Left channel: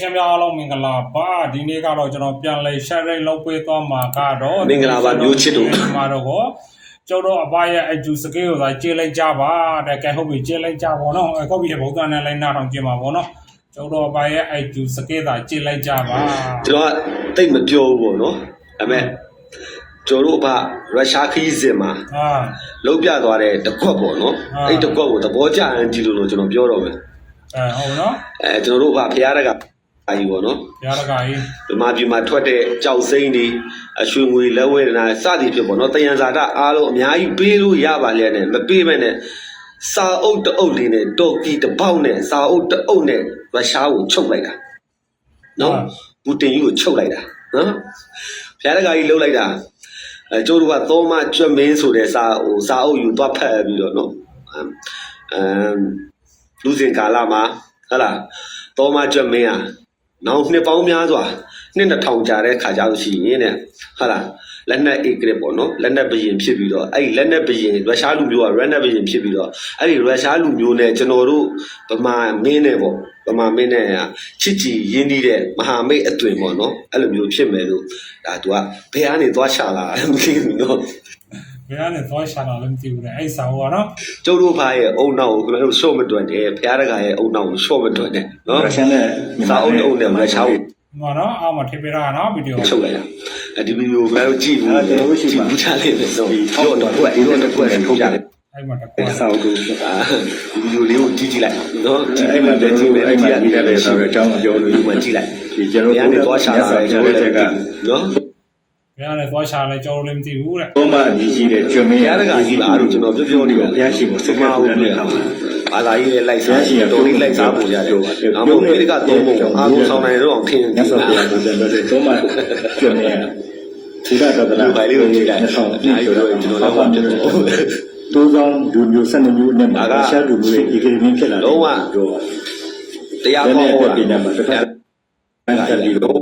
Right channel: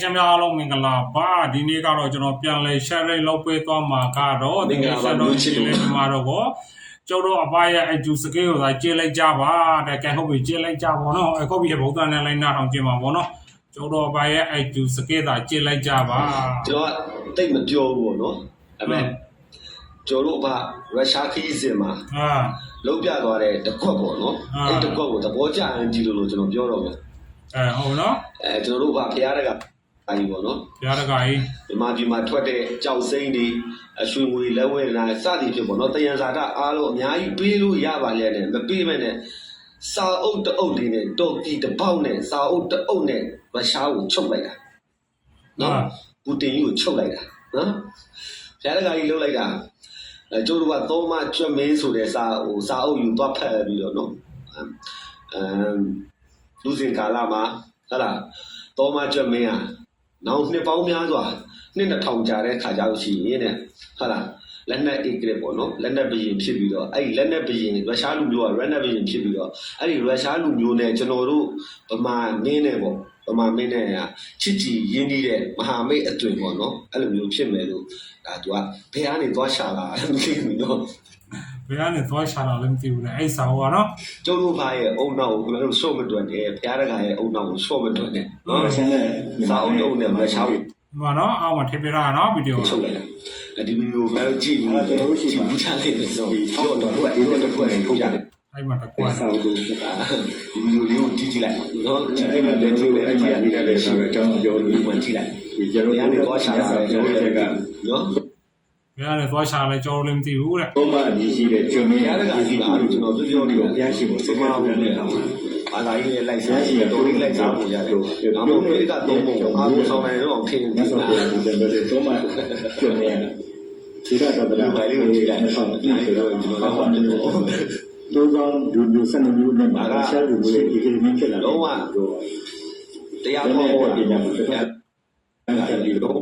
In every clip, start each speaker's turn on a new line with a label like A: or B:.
A: ရှင်များအားလုံးမင်္ဂလာပါဒီနေ့ကတော့ကျွန်တော်ပြန်လဲ sharing လုပ်ပေးသွားမှာကတော့
B: မင်္ဂလာပါမျိုးချစ်တို့
A: ဒီမှာတော့ကိုကျုပ်တို့အပရဲ့အကျူစကေးကိုသာကျေးလိုက်ကြပါတဲ့ကဲဟုတ်ပြီကျေးလိုက်ကြပါတော့အခုပြီဘုရားနဲ့လိုက်နာတော့ကျင်းပါဘောနော်ကျုပ်တို့အပရဲ့အကျူစကေးသာကျေးလိုက်ကြပါ
B: ကျွန်တော်ကတိတ်မပြောဘူးပေါ့နော်ဒါပေမဲ့ကျွန်တော်တို့ကရုရှားခီးစဉ်မှာ
A: ဟာ
B: လုံးပြသွားတဲ့တကွက်ပေါ့နော်
A: အာ
B: အဲ့တကွက်ကိုသဘောကျရင်ကြည့်လို့လို့ကျွန်တော်ပြောတော့မယ်
A: အဲဟုတ်နော်
B: အဲကျွန်တော်တို့ကဖရားတကအာ ကြီးပေါ့နော်
A: ပြားတကကြီး
B: ဒီမှာပြည်မှာထွက်တဲ့ကြောက်စိမ့်တွေအရွှေငွေလက်ဝဲနာစသည်ဖြစ်ပေါ့နော်တယံဇာတအားလုံးအများကြီးပေးလို့ရပါလေနဲ့မပေးမဲ့နဲ့စာအုပ်တအုပ်လေးနဲ့တော်ကီတစ်ပေါက်နဲ့စာအုပ်တအုပ်နဲ့ရုရှားကိုချုပ်လိုက်တာနော်ပူတင်ကြီးကိုချုပ်လိုက်တာနော်ဖရားတကကြီးလှုပ်လိုက်တာအဲကျိုးတို့ကသောမကျွတ်မင်းဆိုတဲ့စာဟိုစာအုပ်ယူသွားဖတ်ပြီးတော့နော်အမ်အမ်လူစင်ကာလာမှာဟဟလားသောမကျွတ်မင်းอ่ะ နောက်နှစ်ပေါင်းများစွာနှစ်တစ်ထောင်ကြာတဲ့ခါကြလို့ရှိရင်တဲ့ဟုတ်လားလက်နက်အေဂရစ်ပေါ့နော်လက်နက်ဘရင်ဖြစ်ပြီးတော့အဲ့ဒီလက်နက်ဘရင်ရုရှားလူမျိုးကလက်နက်ဘရင်ဖြစ်ပြီးတော့အဲ့ဒီရုရှားလူမျိုးနဲ့ကျွန်တော်တို့ဗမာမင်းနဲ့ပေါ့ဗမာမင်းနဲ့ချစ်ကြည်ရင်းနှီးတဲ့မဟာမိတ်အသွင်ပေါ့နော်အဲ့လိုမျိုးဖြစ်မယ်လို့ဒါ तू ကဘယ်ကနေသွားချလာလဲမသိဘူးနော်
A: ဘယ်ကနေသွားရှာတာလဲမသိဘူးလေအဲ့ဆောင်ကနော်
B: ကျုပ်တို့ဘာရဲ့အုံနောက်ကိုကျွန်တော်တို့ရှော့မတွန်တယ်ဖရားတကာရဲ့အုံနောက်ကိုရှော့မတွန်တယ်နော်
C: ရုရှားနဲ့
B: စာအုပ်နဲ့အုံနဲ့ရုရှားကို
A: ဒီမှာနော်အောက်မှာထည့်ပြထားတာနော်ဗီဒီယို
B: ချုပ်လိုက်တာအဲဒီဗီဒီယိုကိုကြည့်ပြီးတော့ကြည့်ပြီးထားလိုက်တယ်ဆိုတော့တော့တော့အဲ့တော့တော့ထုတ်ကြတယ်
A: အဲ့မှာတကွာ
C: စာအုပ်ကို
B: အာဒီဗီဒီယိုလေးကိုကြည့်ကြည့်လိုက်နော်ကြည့်
C: အဲ့
B: လိုက်
C: မှာ
B: မှ
C: လည်း
B: လည်း
C: ကြ
B: ကြ
C: ည့်
B: ည့်
C: မယ်
B: မယ်
C: အဲ့
B: အဲ့
C: မှာ
B: ဒီ
C: ဒီ
B: က
C: က
B: လည်း
C: လည်း
B: ရှိ
C: ဆိုတော့အကြောင်းပြောလို့
B: ဒီမှာကြည့်လိုက်
C: ဒီကျွန်တော်
B: ဘယ်ကနေသွားရှာလာလဲကျွန်တော်လည်း
C: က
B: နော်
A: ဘယ်ကနေသွားရှာလဲကျွန်တော်လည်းမသိဘူးတဲ့
C: ဘုမအကြီးကြီးတဲ့ကျွမ
B: ဘု
C: င်း
B: ရားတကာကြီးအားလို့ကျွန်တော်ပြောပြောနေပါ
C: ဘုရားရှိခိုးစကားပြောတဲ့အခါမှာ
B: အာသာကြီးလည်းလိုက်စားတော်လေးလိုက်စားပုံရတယ်။နောက်မှဒီကတော့ပုံအားလုံးဆောင်နိုင်တော့ထင်
C: မြတ်စွာဘုရားကိုတယ်လို့ဘုမကျွမင်းဒီကတော့တ
B: ဒီ
C: လား
B: ပိုင်လေးကိုကြည့်လိုက်။အများကြီးတော့ကျွန်တော်လည်းပြတ်တယ်
C: တိုးဆောင်လူမျိုးစနေမျိုးနဲ့ရုရှားလူမျိုးရဲ့ဒီကိမင်းဖြစ်လာတော့။
B: တရား
C: ဘယ်
B: ဟော
C: နဲ့
B: ဟော
C: ပ
B: တာ
C: ညာမှာတစ်ခါ။
B: အဲ့ဒီတော့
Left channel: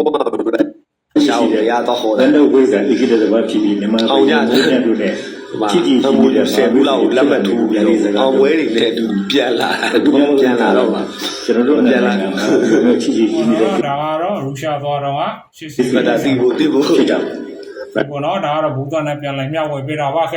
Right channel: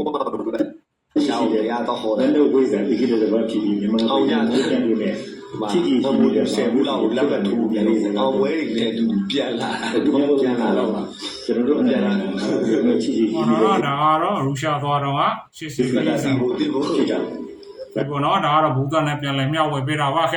B: ရှောင်းတရားတော့ဟော
C: ဘ
B: တာ
C: ယ်လိုဝိဇ္ဇာဣကိတဲ့ဘာဖြစ်ပြီးမြန်မာပြည်နဲ့တို့နဲ့။ချစ်ကြည်ရှိနေတဲ့
B: ဆယ်ဘူးလောက်လက်မှတ်ထိုးပြီးတော့အောင်ဝဲတွေနဲ့တူပြန်လာ။တူပြန်လာတော့မှ
C: ကျွန်တော်တို့အနေနဲ့ချစ်ကြည်
A: ဟော
C: ရှိနေ
A: တော့
C: တယ်
A: ဒါကတော့ရူရှာသွားတော့ကရှစ်စီ
B: ဒီကတာစီဖို့တိဖို့
C: ဖြစ်တာ
A: ဒီပေါ်တော့ဒါကတော့ဘူတန်နဲ့ပြန်လဲမျှဝေပေးတာပါခဲ့